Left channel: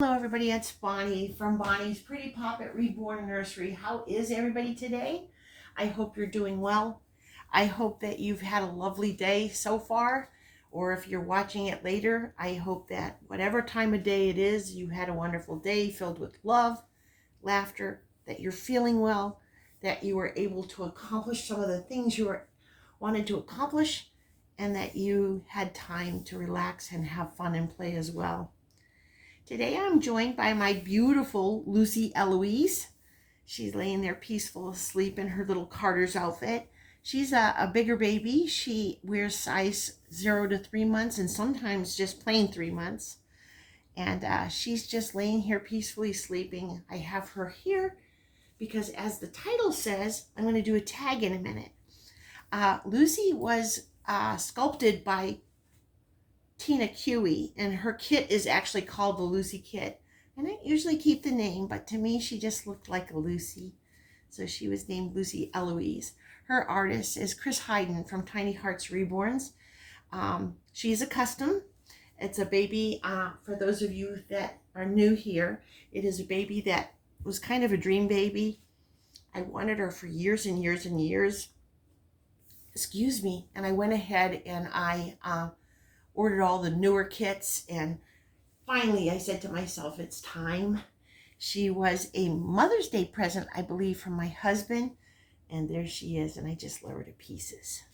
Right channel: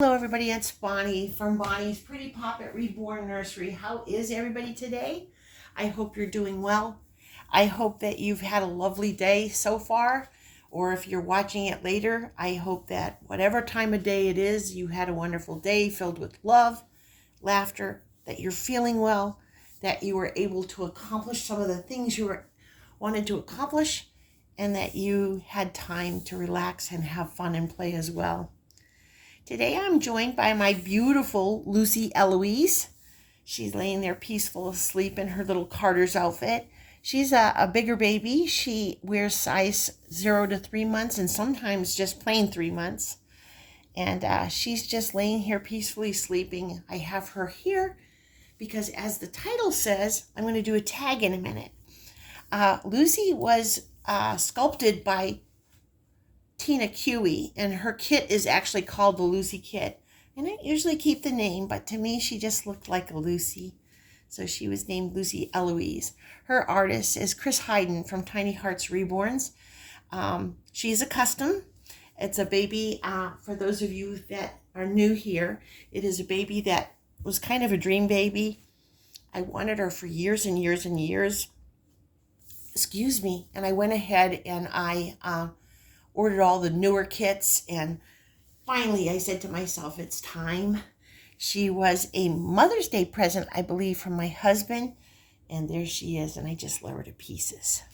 Hello everybody, it's Bonnie from Bonnie's Pretty Poppet Reborn Nursery. How is everybody today? I hope you're doing well. I hope that you've had a lovely day so far, or if you're watching it later, I hope that whatever time of day it is, you had a wonderful day filled with love, laughter, that you're feeling well, that you were able to accomplish some of the things wanted to accomplish, and that you had time to relax and have fun and play as well. Today I'm joined by my beautiful Lucy Eloise. She's laying there peaceful asleep in her little Carter's outfit. She's a bigger baby. She wears size 0 to 3 months and sometimes just plain 3 months. And she's just laying here peacefully sleeping. I have her here because, as the title says, I'm going to do a tag in a minute. Lucy was sculpted by Tina Cui, and her kit is actually called the Lucy Kit. I don't usually keep the name, but to me she just looked like a Lucy, so she was named Lucy Eloise. Her artist is Chris Hayden from Tiny Hearts Reborns. She's a custom. It's a baby, for those of you that are new here, it is a baby that was kind of a dream baby. I wanted her for years and years and years. Excuse me. And I went ahead and I ordered all the newer kits, and finally I said to myself, it's time. She was a Mother's Day present, I believe, from my husband, and there she is, and I just love her to pieces.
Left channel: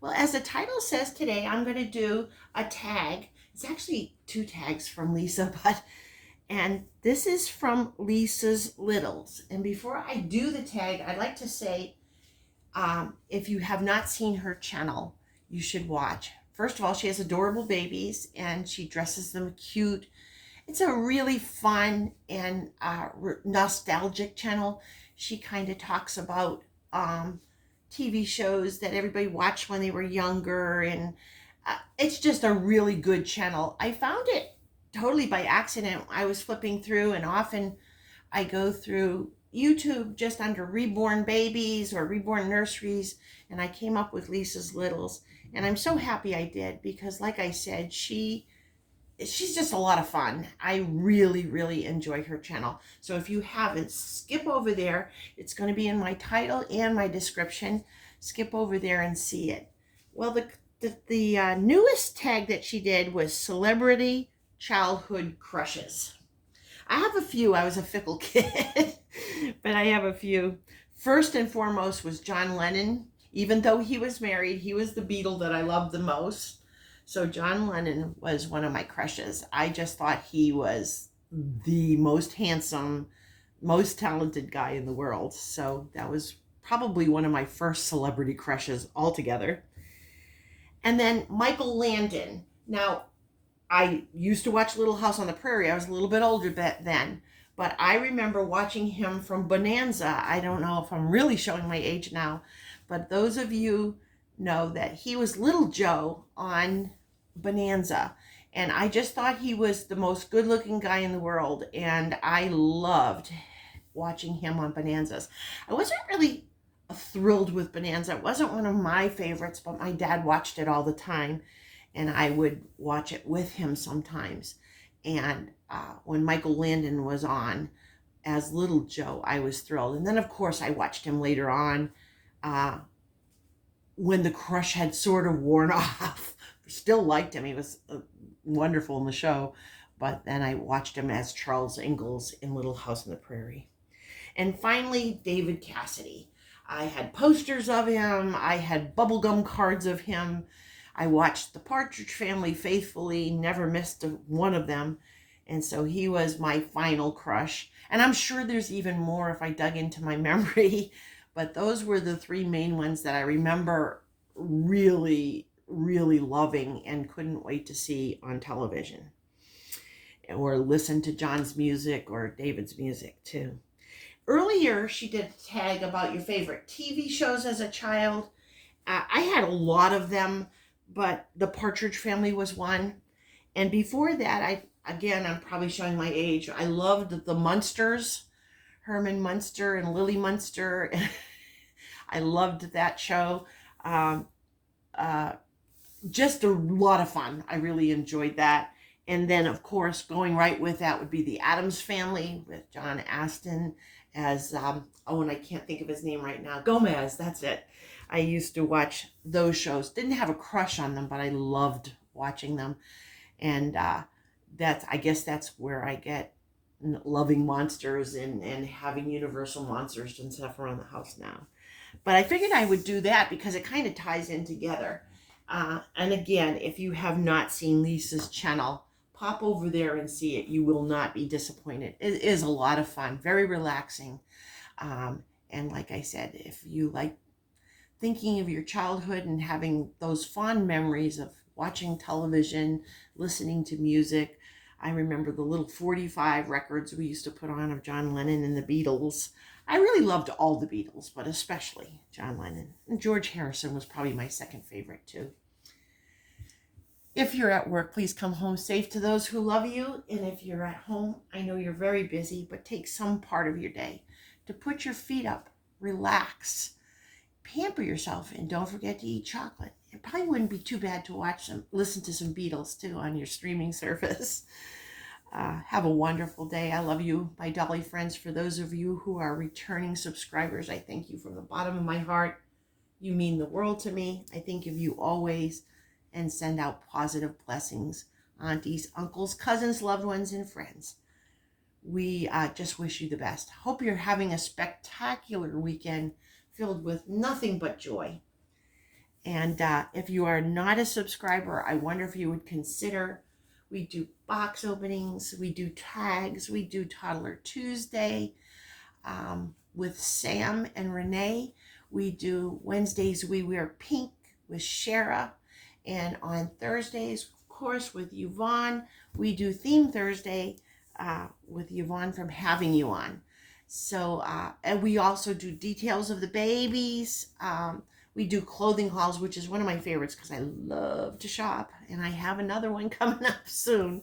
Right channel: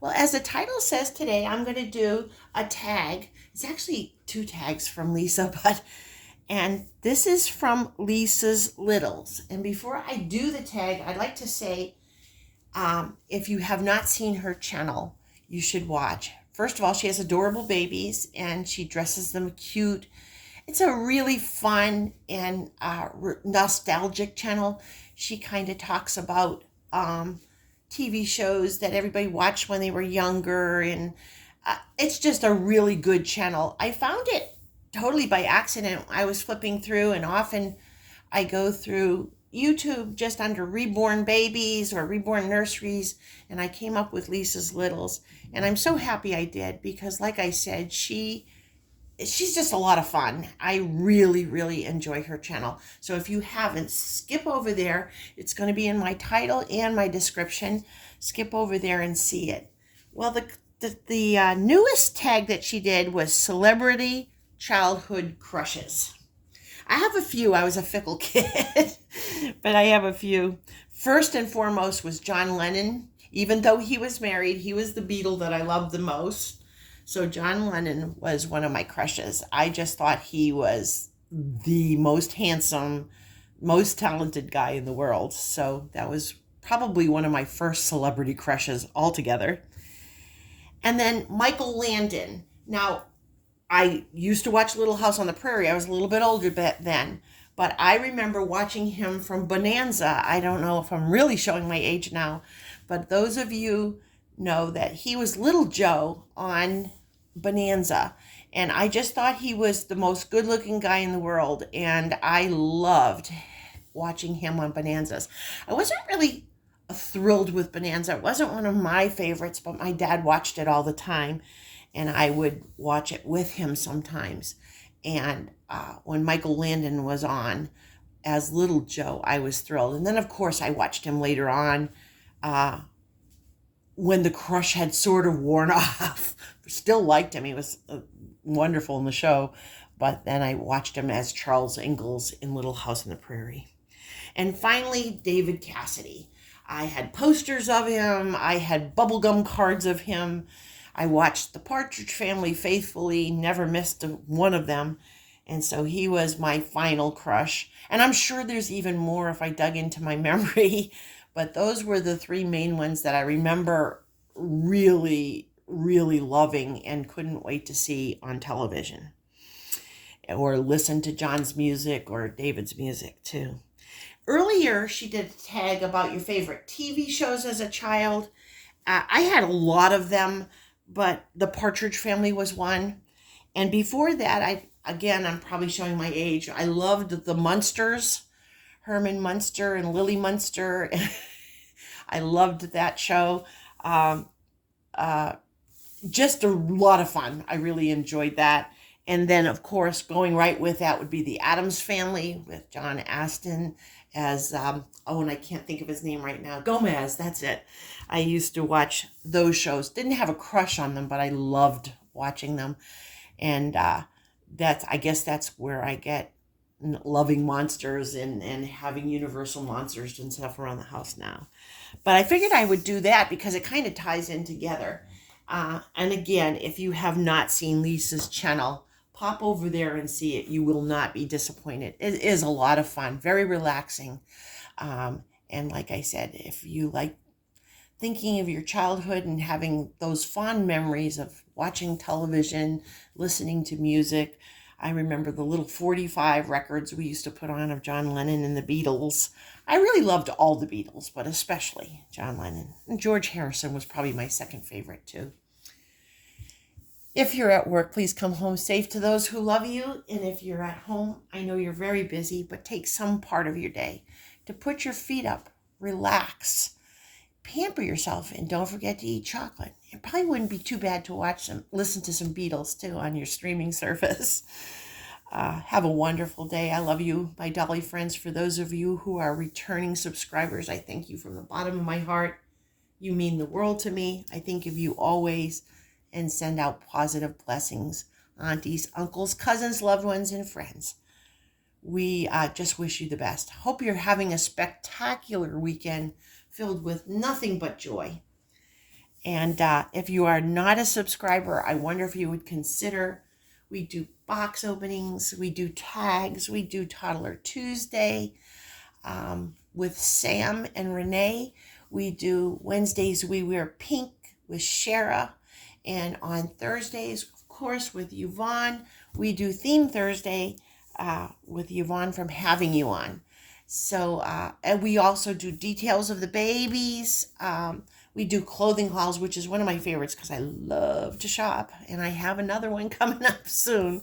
Well, as the title says, today I'm going to do a tag. It's actually 2 tags from Lisa, and this is from Lisa's Littles. And before I do the tag, I'd like to say, if you have not seen her channel, you should watch. First of all, she has adorable babies and she dresses them cute. It's a really fun and nostalgic channel. She kind of talks about TV shows that everybody watched when they were younger, and it's just a really good channel. I found it totally by accident. I was flipping through, and often I go through YouTube just under reborn babies or reborn nurseries, and I came up with Lisa's Littles, and I'm so happy I did, because like I said, she's just a lot of fun. I really enjoy her channel. So if you haven't, skip over there. It's going to be in my title and my description. Skip over there and see it. Well, the newest tag that she did was Celebrity Childhood Crushes. I have a few. I was a fickle kid, but I have a few. First and foremost was John Lennon. Even though he was married, he was the Beatle that I loved the most. So John Lennon was one of my crushes. I just thought he was the most handsome, most talented guy in the world. So that was probably one of my first celebrity crushes altogether. And then Michael Landon. Now, I used to watch Little House on the Prairie. I was a little bit older then, but I remember watching him from Bonanza. I don't know if I'm really showing my age now, but those of you know that he was Little Joe on Bonanza, and I just thought he was the most good-looking guy in the world, and I loved watching him on Bonanzas. I wasn't really thrilled with Bonanza. It wasn't one of my favorites, but my dad watched it all the time, and I would watch it with him sometimes. And when Michael Landon was on as Little Joe, I was thrilled. And then, of course, I watched him later on when the crush had sort of worn off. Still liked him. He was wonderful in the show. But then I watched him as Charles Ingalls in Little House on the Prairie. And finally, David Cassidy. I had posters of him. I had bubblegum cards of him. I watched The Partridge Family faithfully, never missed one of them. And so he was my final crush. And I'm sure there's even more if I dug into my memory. But those were the 3 main ones that I remember really loving and couldn't wait to see on television. Or listen to John's music or David's music too. Earlier, she did a tag about your favorite TV shows as a child. I had a lot of them, but The Partridge Family was one. And before that, I'm probably showing my age. I loved the Munsters, Herman Munster and Lily Munster. I loved that show. Just a lot of fun. I really enjoyed that. And then, of course, going right with that would be the Addams Family with John Astin as, and I can't think of his name right now. Gomez, that's it. I used to watch those shows. Didn't have a crush on them, but I loved watching them. And I guess that's where I get loving monsters and having Universal monsters and stuff around the house now. But I figured I would do that because it kind of ties in together. And again, if you have not seen Lisa's channel, pop over there and see it. You will not be disappointed. It is a lot of fun, very relaxing. And like I said, if you like thinking of your childhood and having those fond memories of watching television, listening to music, I remember the little 45 records we used to put on of John Lennon and the Beatles. I really loved all the Beatles, but especially John Lennon. And George Harrison was probably my second favorite too. If you're at work, please come home safe to those who love you. And if you're at home, I know you're very busy, but take some part of your day to put your feet up, relax, pamper yourself, and don't forget to eat chocolate. It probably wouldn't be too bad to listen to some Beatles too on your streaming service. Have a wonderful day. I love you, my Dolly friends. For those of you who are returning subscribers, I thank you from the bottom of my heart. You mean the world to me. I think of you always and send out positive blessings. Aunties, uncles, cousins, loved ones, and friends. We just wish you the best. Hope you're having a spectacular weekend filled with nothing but joy. And if you are not a subscriber, I wonder if you would consider. We do box openings, we do tags, we do Toddler Tuesday with Sam and Renee. We do Wednesdays, we wear pink with Shara. And on Thursdays, of course, with Yvonne, we do Theme Thursday with Yvonne from Having You On. So, and we also do details of the babies. We do clothing hauls, which is one of my favorites because I love to shop. And I have another one coming up soon.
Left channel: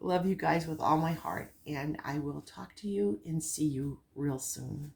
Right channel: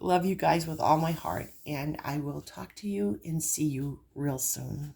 Love you guys with all my heart. And I will talk to you and see you real soon.